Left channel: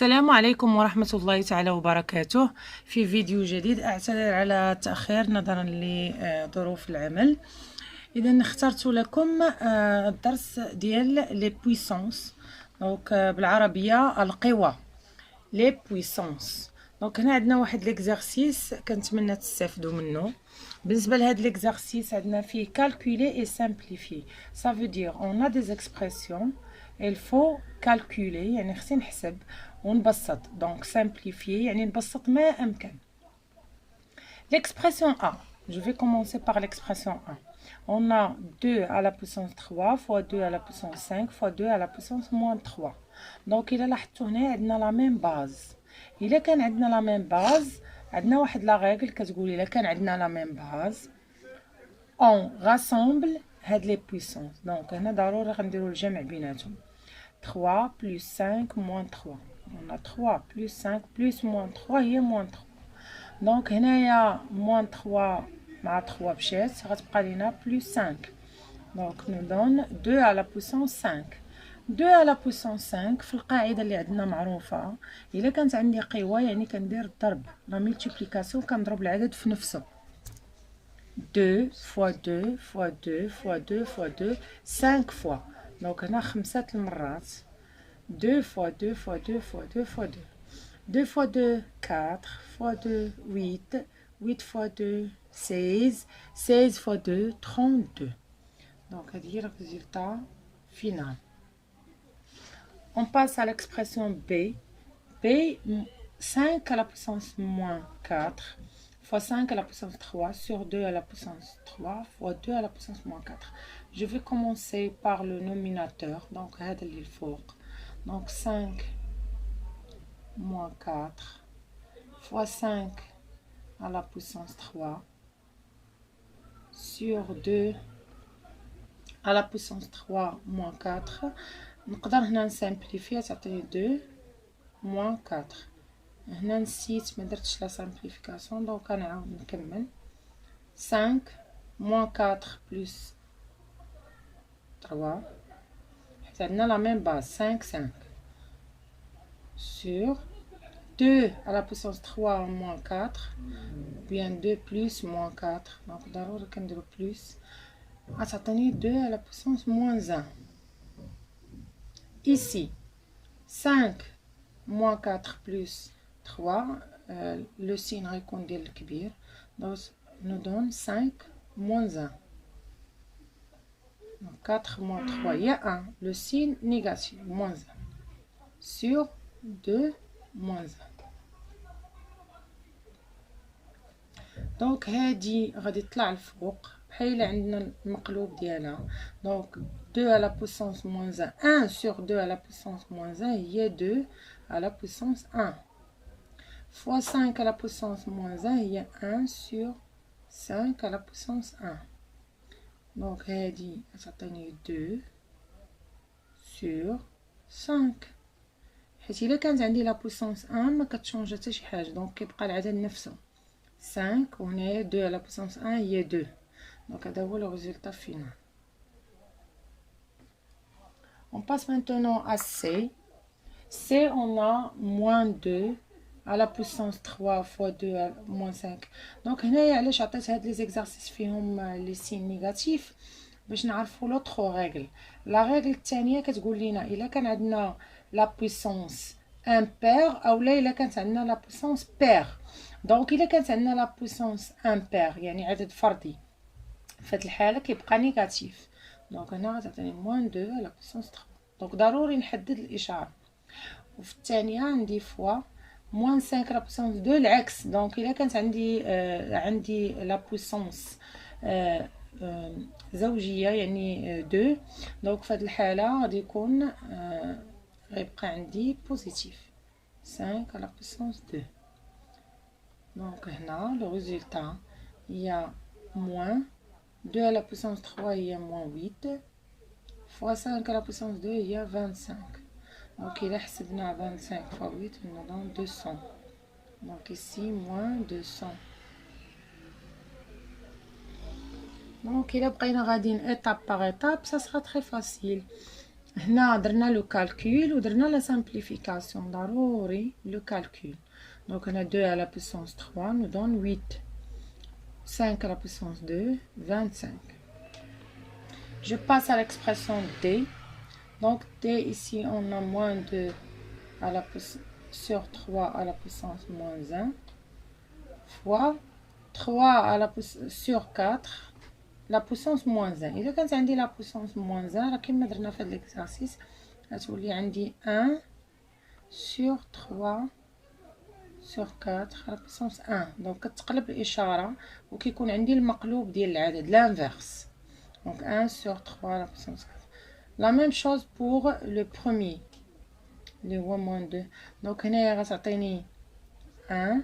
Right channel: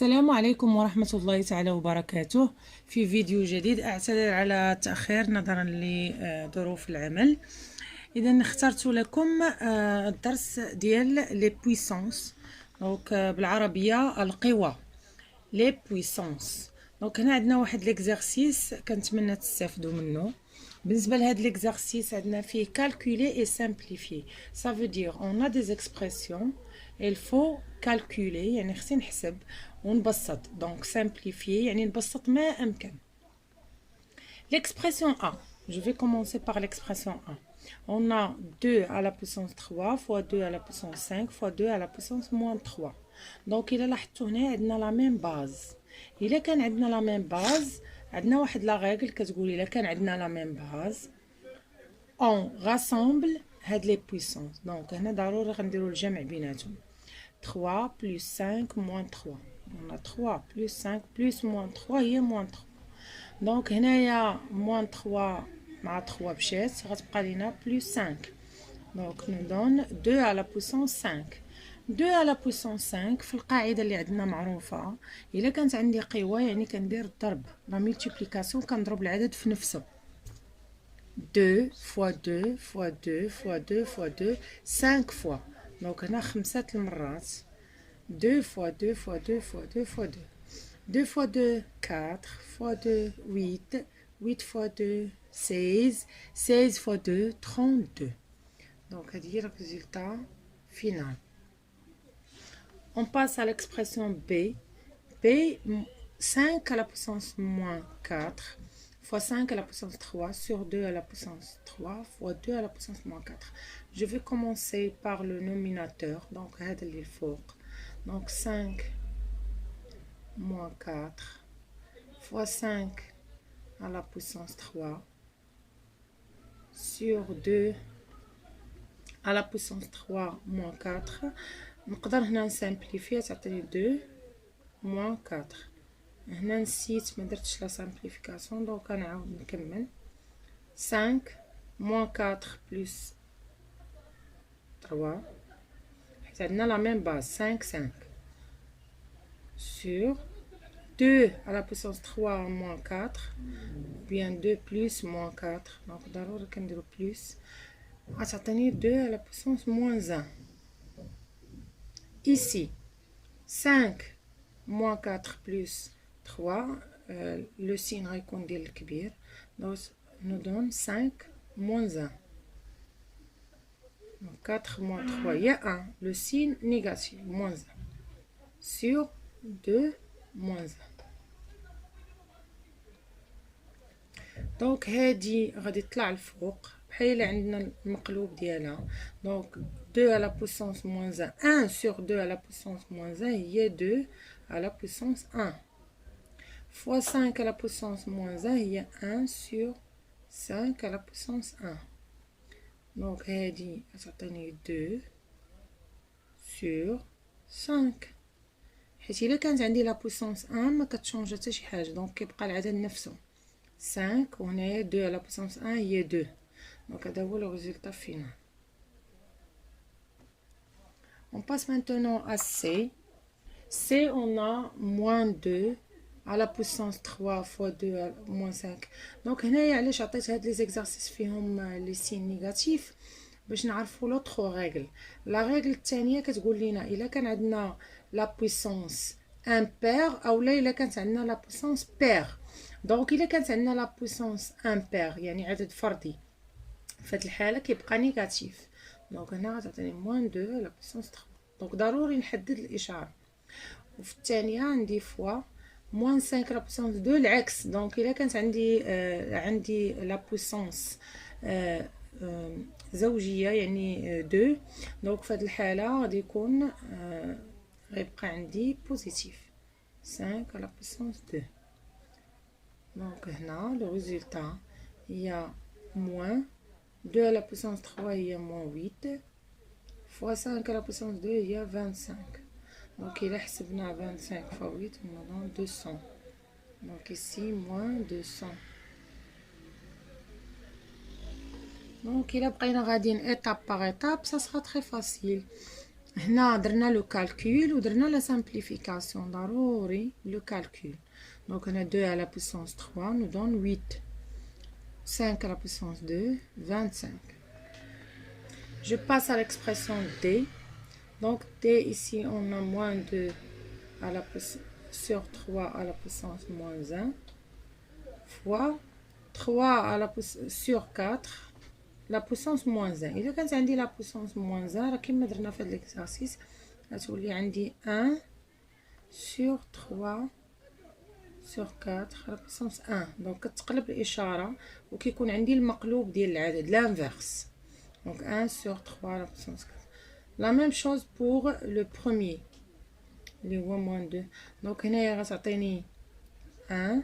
السلام عليكم ورحمة الله تعالى وبركاته. في فيديو جديد، أعتذر على التأخير نظرا لظروف العمل. إذا اخترت لكم الدرس ديال لي بويسونس، دونك بالعربية القوى، لي بويسونس. دونك هنا عندنا واحد ليكزارسيس كنتمنى تستافدوا منه. بالنسبه لهاد ليكزارسيس عندنا فيه calculer et simplifier. Ça veut dire on a des expressions, il faut calculer يعني خصني نحسب ونبسط. donc simplifier يعني نبسط ما امكن. L'expression A, je vais commencer par l'expression A. On a 2 à la puissance 3 fois 2 à la puissance 5 fois 2 à la puissance moins 3. donc إلا لاحظتوا هنا عندنا لا ميم باز. إلا كان عندنا لا ميم باز عندنا واحد لا ريغل كتقول إلا كان عندنا لا ميم باز on rassemble هاد لي بويسونس. دونك هنا ضروري غنديرو الجمع بيناتهم. 3 plus 5 moins 3. on a 3 plus 5 plus moins 3 هي moins 3. دونك هنايا moins 3 مع 3 مشات، غتبقى لينا plus 5. دونك nous donne 2 à la puissance 5. 2 à la puissance 5 في القاعده اللي عندنا معروفه، الا كانت عندي قوه يعني كندير الضرب لا ملتيبليكاسيون، كنضرب العدد في نفسه. 2 fois 2 fois 2 fois 2 fois 2 5 fois. دونك هنا 5 المرات. 2 fois 2 fois 2 fois 2 fois 2. 2 fois 2 4 fois 2 8 8 fois 2 16 16 fois 2 32. donc هذه هي le résultat final. On passe à l'expression B. B, 5 à la puissance moins 4 fois 5 à la puissance 3 sur 2 à la puissance 3 fois 2 à la puissance moins 4. Je vais commencer par le nominateur. Donc, هذا اللي الفوق. Donc, 5 moins 4 fois 5 à la puissance 3 sur 2 à la puissance 3 moins 4. نقدر هنا نسامبليفي تعطيني 2 moins 4. هنا نسيت ما درتش لا سامبليفيكاسيون، دونك غنعاود نكمل. 5 moins 4 plus 3 حيت عندنا لا ميم باز 5 5 sur 2 à la puissance 3 moins 4 bien 2 plus moins 4. دونك ضروري كنديرو بلس، غتعطيني 2 à la puissance moins 1. Ici 5 moins 4 plus 3 le signe غيكون ديال الكبير، donc nous donne 5 moins 1. donc 4 moins 3 il y a 1, le signe négatif moins 1 sur 2 moins 1. donc هادي غادي تطلع الفوق بحال عندنا المقلوب ديالها. donc 2 à la puissance moins 1 1 sur 2 à la puissance moins 1 هي 2 à la puissance 1 fois 5 à la puissance moins 1 هي 1 sur 5 à la puissance 1. donc هادي غتعطيني 2 sur 5 حيت الا كانت عندي لا puissance 1 ما كتشونجا حتى شي حاجه، دونك كيبقى العدد نفسه 5 وهنايا 2 à la puissance 1 هي 2. donc هذا هو le résultat final. On passe maintenant à C. C, on a moins 2 à la puissance 3 fois 2 à moins 5. donc هنايا علاش عطيت هاد لي زيكزارسيس فيهم لي سين نيجاتيف باش نعرفوا لوطخ ريغل. لا ريغل الثانيه كتقول لنا الا كان عندنا لا بويسونس امبير اولا الا كانت عندنا لا بويسونس بير. دونك الا كانت عندنا لا بويسونس امبير يعني عدد فردي، في هاد الحاله كيبقى نيجاتيف. دونك هنا غتعطيني موان 2 على بويسونس 3. دونك ضروري نحدد الاشاره. وفي الثانيه عندي فوا موان 5 على بويسونس 2 العكس. دونك الا كانت عندي لا بويسونس زوجيه يعني 2، دونك في هاد الحاله غادي يكون غيبقى عندي بوزيتيف 5 على بويسونس 2. دونك هنا لو ريزولتا هي موان 2 à la puissance 3 هي moins 8 fois 5 à la puissance 2 هي 25. donc إلا حسبنا 25 fois 8 nous donne 200. donc ici moins 200. donc إلا بقينا غاديين étape par étape ça sera très facile. هنا درنا لو كالكول ودرنا لا سامبليفيكاسيون ضروري لو كالكول. دونك هنا 2 à la puissance 3 nous donne 8. 5 à la puissance 2, 25. Je passe à l'expression d. Donc d ici on a moins 2 à la sur 3 à la puissance moins 1 fois 3 à la sur 4 la puissance moins 1. إذا كانت عندي la puissance moins 1 راه كيما درنا في هاد l'exercice غتولي عندي 1 sur 3 sur 4 à la puissance 1. دونك كتقلب الإشارة وكيكون عندي المقلوب ديال العدد l'inverse. Donc 1 sur 3 à la puissance 4. La même chose pour le premier اللي هو moins 2. دونك هنايا غتعطيني 1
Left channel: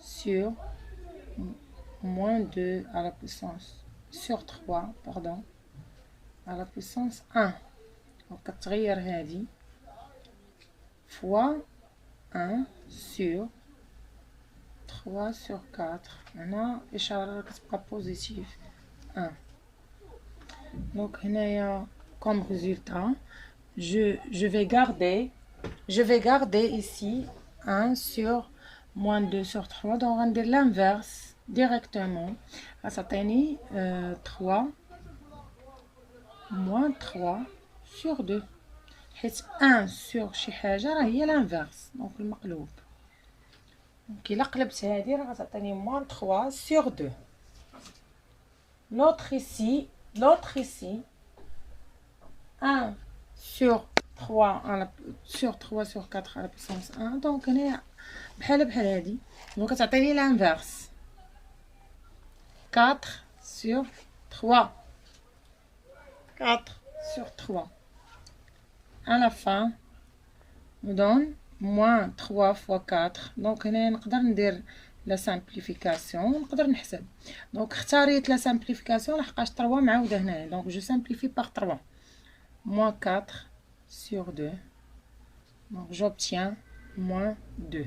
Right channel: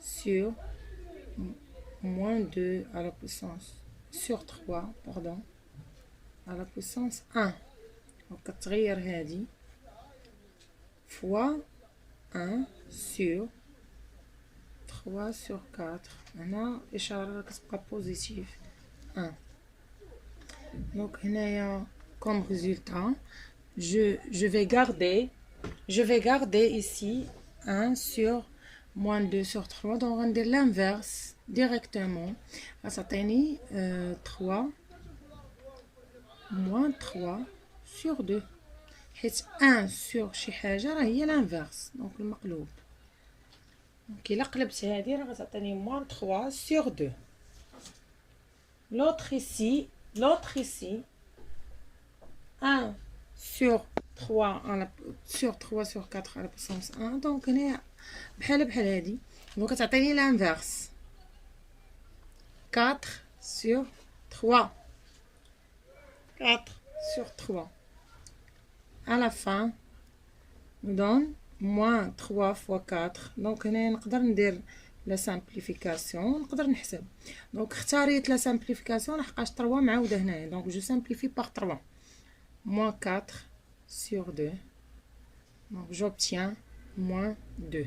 sur moins 2 à la puissance sur 3 pardon à la puissance 1. دونك كتغير هادي fois 1 sur 3 sur 4. هنا الإشارة كتبقى بوزيتيف 1. Donc هنايا comme résultat je vais garder ici 1 sur moins 2 sur 3. donc غندير l'inverse directement غتعطيني 3 moins 3 sur 2 حيت 1 sur شي حاجة راه هي l'inverse دونك المقلوب. دونك إلا قلبت هادي راه غتعطيني moins 3 sur 2. l'autre ici 1 sur 3 sur 4 à la puissance 1. donc هنا بحال هادي دونك كتعطيني l'inverse 4 sur 3 sur 3. à la fin nous donne moins 3 fois 4. donc هنا نقدر ندير لا سامبليفيكاسيون نقدر نحسب. دونك اختاريت لا سامبليفيكاسيون لحقاش 3 معاوده هنايا. دونك جو سامبليفي par 3 moins 4 sur 2. donc j'obtiens moins 2.